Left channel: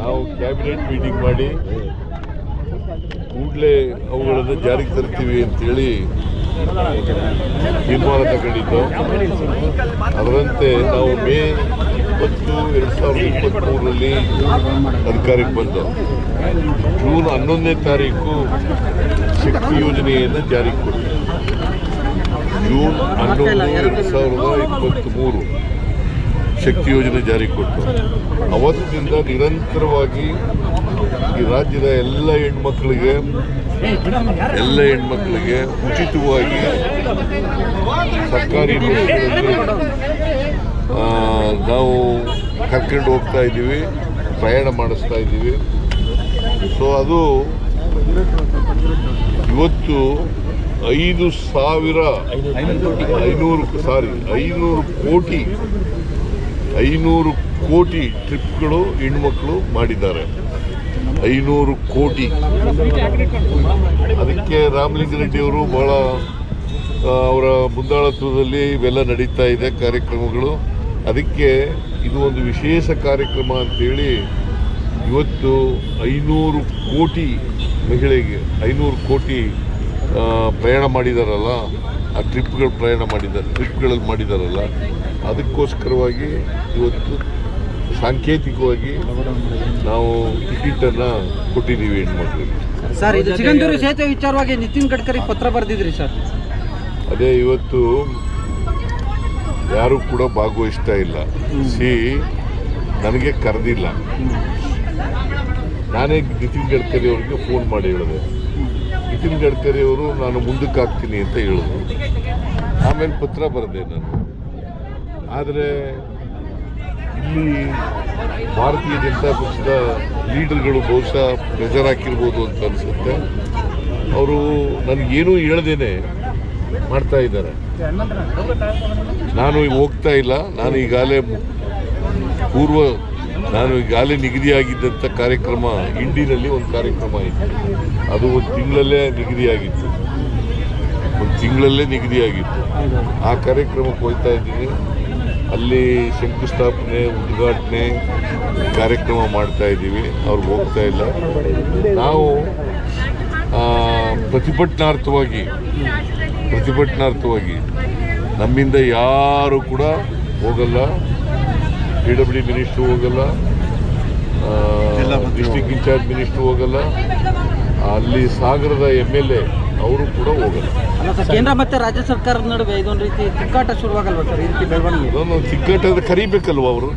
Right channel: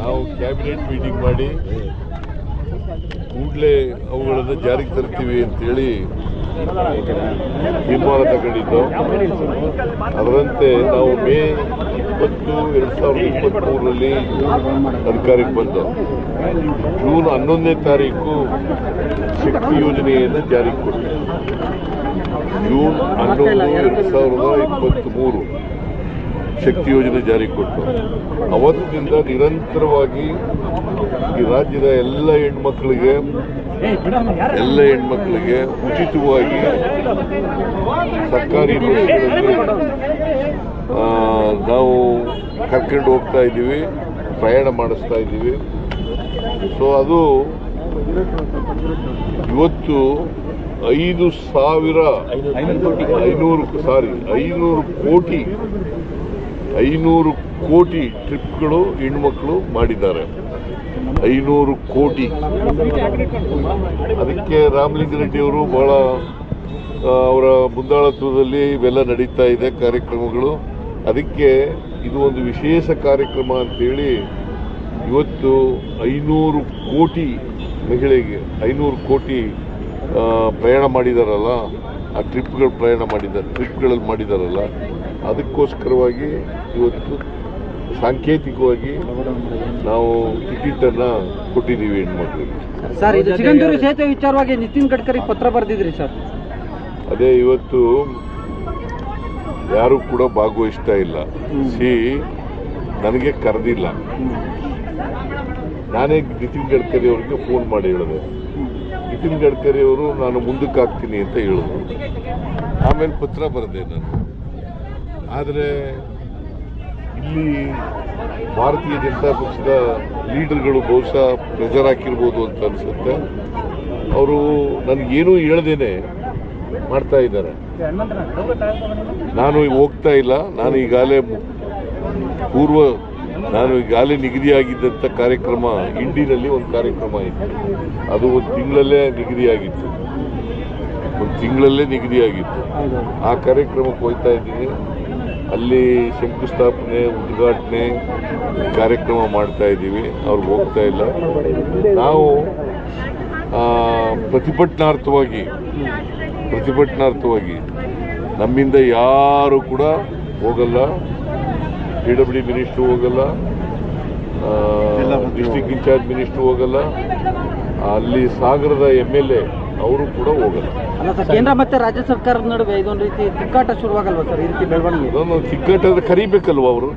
ನಾವು cabinet meeting ಮಾಡಿ ಕೂಡಲೇ ಅವುಗಳನ್ನು ಜಾರಿಗೆ ತರ್ತೀವಿ ಅಂತೇಳಿ ತೀರ್ಮಾನ ತಗೊಂಡಿದ್ದು. ಅದರಂತೆ ನಾವು ಮೇ 20, 2023ರಲ್ಲಿ ಅಧಿಕಾರಕ್ಕೆ ಬಂದು ಜೂನ್ 11ನೇ ತಾರೀಕು ಶಕ್ತಿ ಯೋಜನೆಯನ್ನು ಜಾರಿಗೆ ಕೊಟ್ಟು ಜೂನ್ 11, 2023 ಶಕ್ತಿ ಯೋಜನೆ ಜಾರಿಗೆ ಕೊಟ್ಟು ಅವತ್ತಿನಿಂದ ನಿರಂತರವಾಗಿ ಈ ರಾಜ್ಯದ ಎಲ್ಲ ಹೆಣ್ಮಕ್ಳಿಗೆ ಉಚಿತವಾಗಿ ಸರ್ಕಾರಿ ಬಸ್ಗಳಲ್ಲಿ ನಾವು ಕರ್ಕೊಂಡು ಹೋಗ್ತಾ ಇದ್ದೀವಿ, ಪ್ರಯಾಣ ಮಾಡಿಸ್ತಾ ಇದ್ದೀವಿ. ಸೊ ಅದು ಇವತ್ತು 500 ಕೋಟಿ ಟ್ರಿಪ್ಗಳು ಹೆಣ್ಮಕ್ಳು ಮಾಡಿದ್ದಾರೆ. 500 ಕೋಟಿ. ಅದಕ್ಕೆ ರಾಮಲಿಂಗಾರೆಡ್ಡಿ ಅವರು ಬಹಳ ಅವರ ಮುಂದಾಳತ್ವದಲ್ಲಿ ಇವೆಲ್ಲ ನಡೀತಾ ಇದೆ ಕಾರ್ಯಕ್ರಮಗಳು. ಅದಕ್ಕೆ ಇದು ಒಂದು ವಿಶೇಷ ಕಾರ್ಯಕ್ರಮ ಅಂತೇಳಿ ಇವತ್ತು 500 ಕೋಟಿ ಮಹಿಳೆಗೆ 500 ಕೋಟಿ ಪ್ರಯಾಣ ಮಾಡಿದಾರಲ್ಲ, ಆ ಟ್ರಿಪ್ಗಳಲ್ಲಿ ಮಾಡಿದಾರಲ್ಲ, ಅದಕ್ಕೋಸ್ಕರವಾಗಿ ಇವತ್ತು ಸಾಂಕೇತಿಕವಾಗಿ ನಾವು ಟಿಕೆಟನ್ನು ಕೊಟ್ಟಿದ್ದೀವಿ ಹೆಣ್ಮಕ್ಳಿಗೆ. ಸರ್, ಇದು ಸಿಗಂದೂರು ಸೇತುವೆ ವಿಚಾರವಾಗಿ ನಿತಿನ್ ಗಡ್ಕರಿ ಪತ್ರ ಬರೆದಿದ್ರಿ ಸರ್. ಅದೇ ಇವತ್ತು ಯಾರು ಕೂಡ ಭಾಗವಹಿಸ್ತಾ ಇಲ್ಲ. ನನಗೆ ಕರೆದಿಲ್ಲ. ನಾನೇ ನಿತಿನ್ ಗಡ್ಕರಿ ಅವರಿಗೆ ಫೋನ್ ಮಾಡಿ ಹೇಳಿದೆ. ನಿತಿನ್ ಗಡ್ಕರಿ ಅವರು ನಾನು ಮುಂದಕ್ಕೆ ಹಾಕ್ತೀನಿ ಅಂತ ಹೇಳಿದ್ರು. ಆಮೇಲೆ ಪತ್ರ ಬರೆದೆ ನಾನು. ಆದರೆ ಇಲ್ಲಿ ಭಾರತೀಯ ಜನತಾ ಪಕ್ಷದ ಲೀಡರ್ಗಳು ಬಹುಶಃ ಪ್ರೆಷರ್ ಹಾಕಿರ್ಬೋದು ಅಂತ ಅನಿಸುತ್ತೆ. ಅವರು ನನಗೇನೂ ಹೇಳ್ದೇನೆ ಮಾಡ್ತಾ ಇದ್ದಾರೆ. ನಾನು ಹೋಗ್ತಾ ಇಲ್ಲ. ನಾನು ಈಗಾಗಲೇ ನಿಗದಿಯಾಗಿದ್ದಂಥ ಕಾರ್ಯಕ್ರಮ ಇಂಡಿನಲ್ಲಿ ಒಂದು ಕಾರ್ಯಕ್ರಮ ಇತ್ತು. ಅದು ಒಂದು ತಿಂಗಳಲ್ಲೇ ನಿಗದಿಯಾಗಿತ್ತು. ಆ ಕಾರ್ಯಕ್ರಮಕ್ಕೆ ಹೋಗ್ತಾ ಇದ್ದೀನಿ. ಅಲ್ಲಿ ಶಂಕುಸ್ಥಾಪನೆ, ಉದ್ಘಾಟನೆ ಕಾರ್ಯಕ್ರಮ ಮಾಡ್ತಾ ಇದ್ದೀವಿ. ಅವ್ರಿಗೆ ಹೋಗ್ತಾ ಇಲ್ಲ. ನಾವು ಪ್ರತಿಭಟನಾರ್ಥವಾಗಿ ನಮ್ಮಿಂದ ಯಾರು ಕೂಡ ಹೋಗಲ್ಲ. PWD ಮಿನಿಸ್ಟ್ರು ಹೋಗಲ್ಲ, ಡಿಸ್ಟ್ರಿಕ್ಟ್ ಇನ್ಚಾರ್ಜ್ ಮಿನಿಸ್ಟ್ರು ಹೋಗಲ್ಲ, ಅಲ್ಲಿ ಸಾಗರದ MLA ಅವರು ಕೂಡ ಹೋಗಲ್ಲ. ಕೇಂದ್ರ ಮತ್ತೆ ರಾಜ್ಯ ಸರ್ಕಾರದ ನಡುವೆ ಇದೊಂದು ರೀತಿ ತಿಕ್ಕಾಟ ಶುರುವಾಗಲ್ವಾ ಸರ್? ಈ ರೀತಿ ಬೆಳವಣಿಗೆ ತಿಕ್ಕಾಟ ಕರಿಬೇಕಲ್ವ ಅವರು?